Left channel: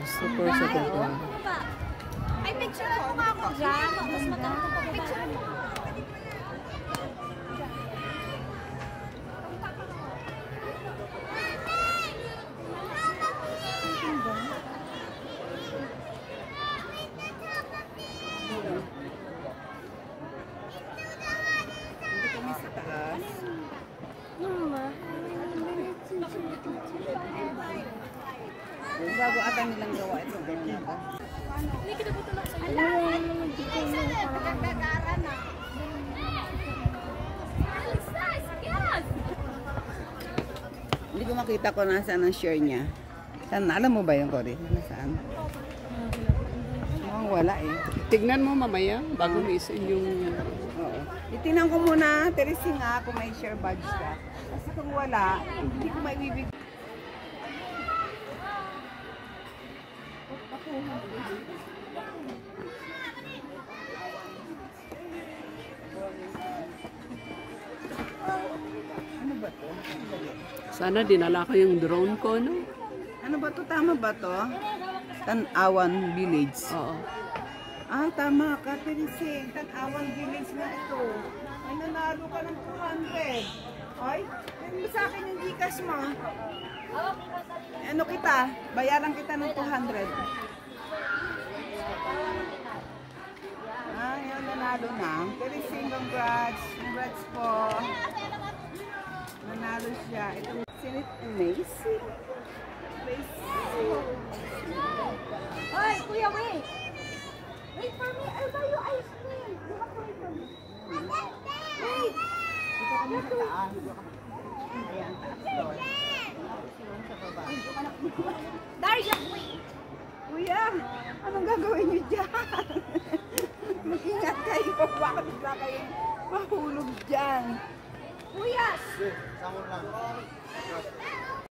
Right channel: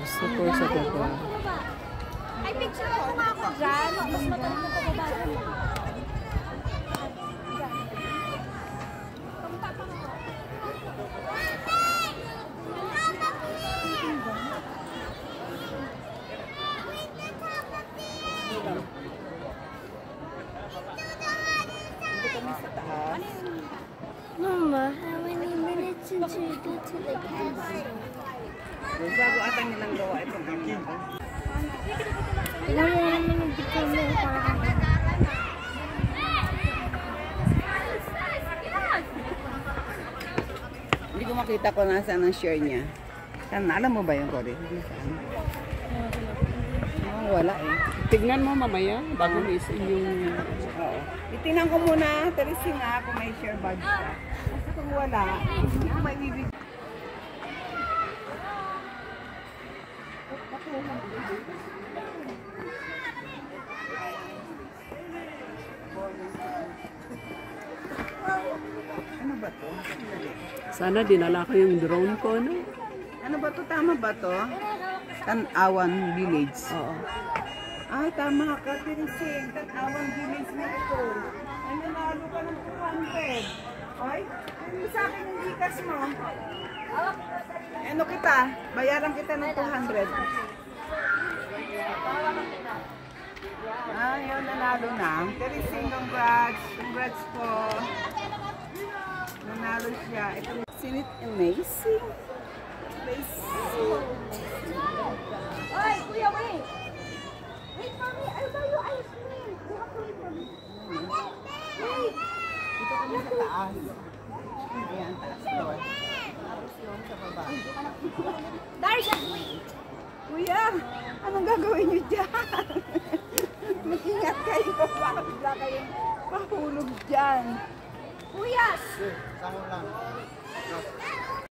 Super sa baba. May picture ako nga ako dyan. Mas matarik na pababa. Mama, how many minutes until you go to the castle? Bago ata nilang gawa ito. Hindi ko makita ko nasaan ang share niya. Saan? Alam mo ba yung Cory? Saan? Oh, wala eh. Tignan mo mamaya bago mo isin yung... Oo. Itingnan ko muna, Teresing nga kung may share badge ka. Kasi kung wala, hindi ko maibibig. Ano ba to? Sana dinala ko yung drone ko, no? Ano ba to? Tama ba to? Tanawan Village. Oo. Ay, tama ka, Teresing. Tanawan Village na ito. Ay, nanalo ka ng 200. Ay, mo sa akin yung Gcash mo. Ano kita? Bayaran kita ng 200. Ah, yun, nanalo na. Teresing, congrats. Congrats po. Nanalo siya. Ito, sinit amazing. Amazing. Oy, kuya, wait! Wait for me! I'll buy you ice cream! Wait! Dito kami sa taas. Ayan, taas. Darsha, wait! Kuya, anong gagawin niyo dyan? Mag-ingat kayo. Baka bigla kayong mahulog dyan. Kuya! Sama lang.